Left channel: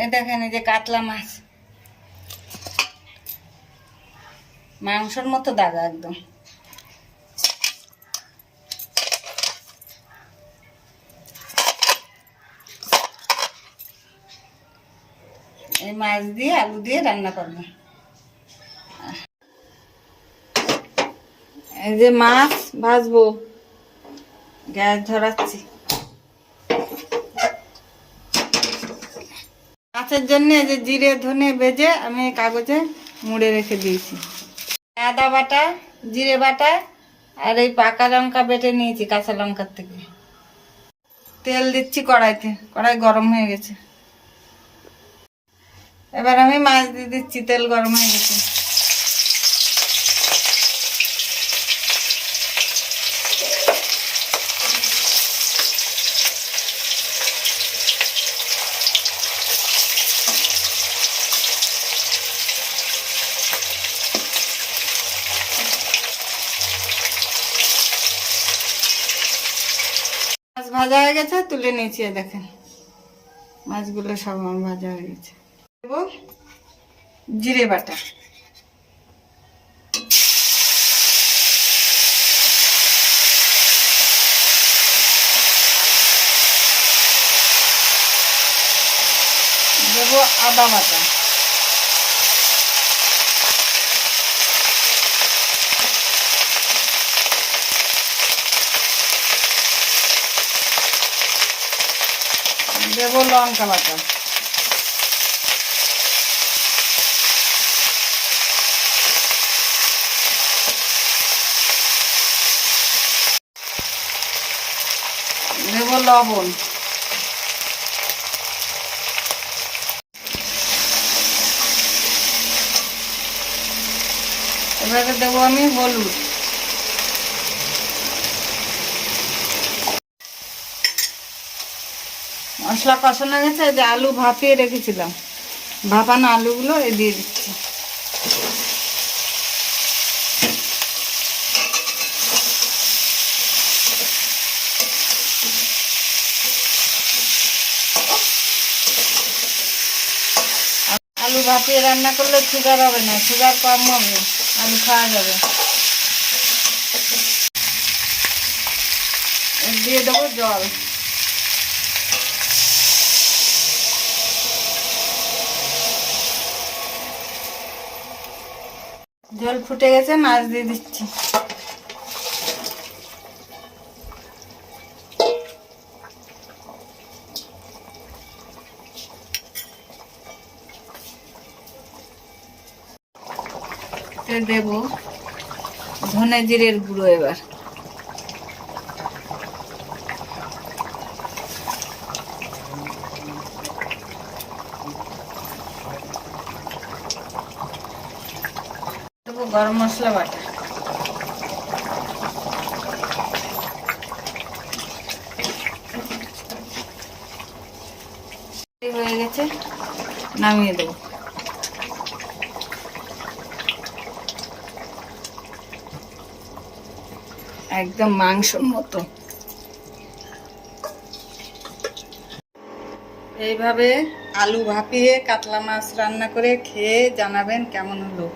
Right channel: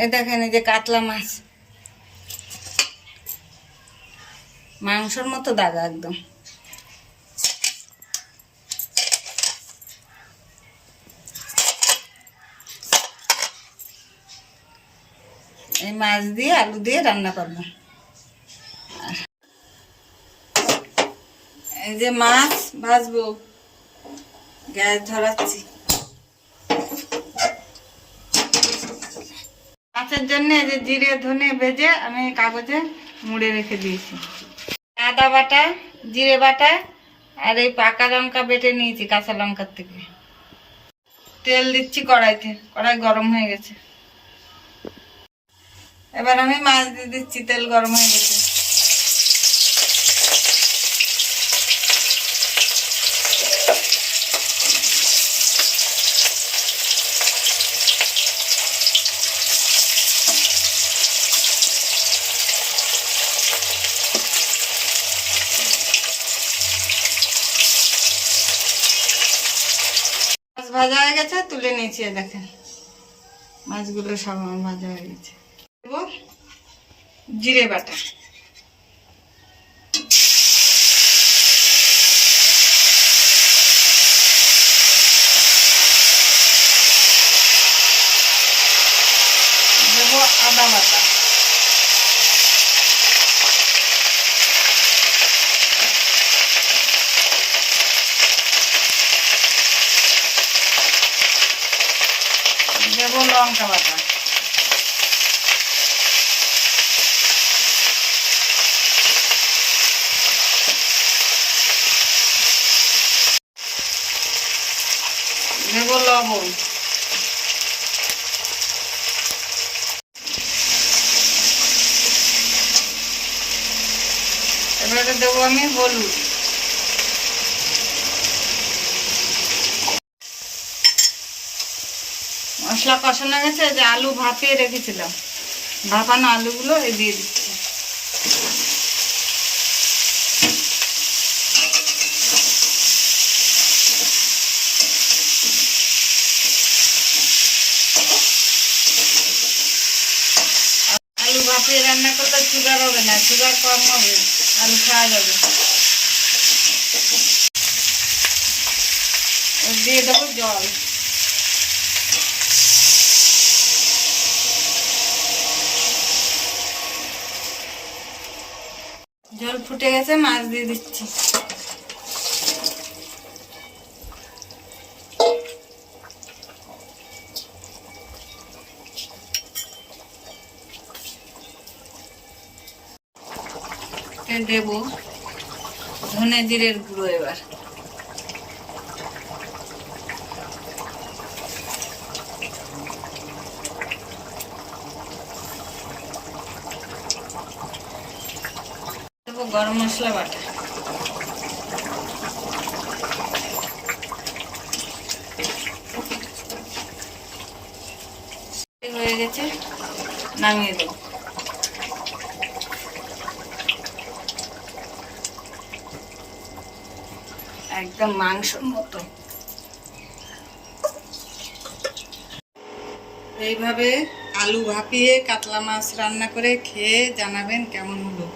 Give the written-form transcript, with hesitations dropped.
এ দেখেন এই যে কাতলা মাছ, মাংসর মতো দাগা একদম। এই মাছ দিয়ে আলু দিয়ে রান্না করব। এই যে মাছ ভাজবো, গ্যাস ধরাচ্ছি। মাছের জন্য এই যে জিরে ধনে ভেজে আমি কাগজে মুড়ে রেখে দিয়েছি। আদা বাটা, জিরে বাটা আর এই পাকা লঙ্কা বেটে নিয়েছি কাঁচা লঙ্কার থেকে। তেল দিচ্ছি কড়াইতে, কড়াই গরম হয়ে গেছে। এবার আমি মাছ দিয়ে দিচ্ছি, তেল গরম হয়ে গেছে। মাছ ভাজা হয়ে গেছে, তুলে নিয়েছি। দেখেন মাছগুলো সব আমার ভাজা হয়ে গেছে। দেবো জিরে বাটা, দেবো আদা বাটা, দেবো লঙ্কা বাটা, দেব লবণ, এবারে দেবো আমি হলুদ। মশলা কষানো গেছে, যে আলু ভাপিয়ে রেখেছিলাম, ভাপানো আলুগুলো দিয়ে দিচ্ছি। আলু ভাপিয়ে রান্না করলে সুগার হবে না, সুগার কম হবে, আলু খাওয়া যাবে। দিয়ে দেবো জল, জল ফুটে গেছে, মাছ দিয়ে দিচ্ছি। দেব ধনে জিরের গুঁড়ো, এবার দেবো গরম মশলা বাটা, হয়ে গেছে, নামিয়ে দেবো। একদম মাংসর মতো। এইভাবে আলু ভাপিয়ে কাতলা মাছ রান্না করে খেয়ে জানাবেন কেমন হলো।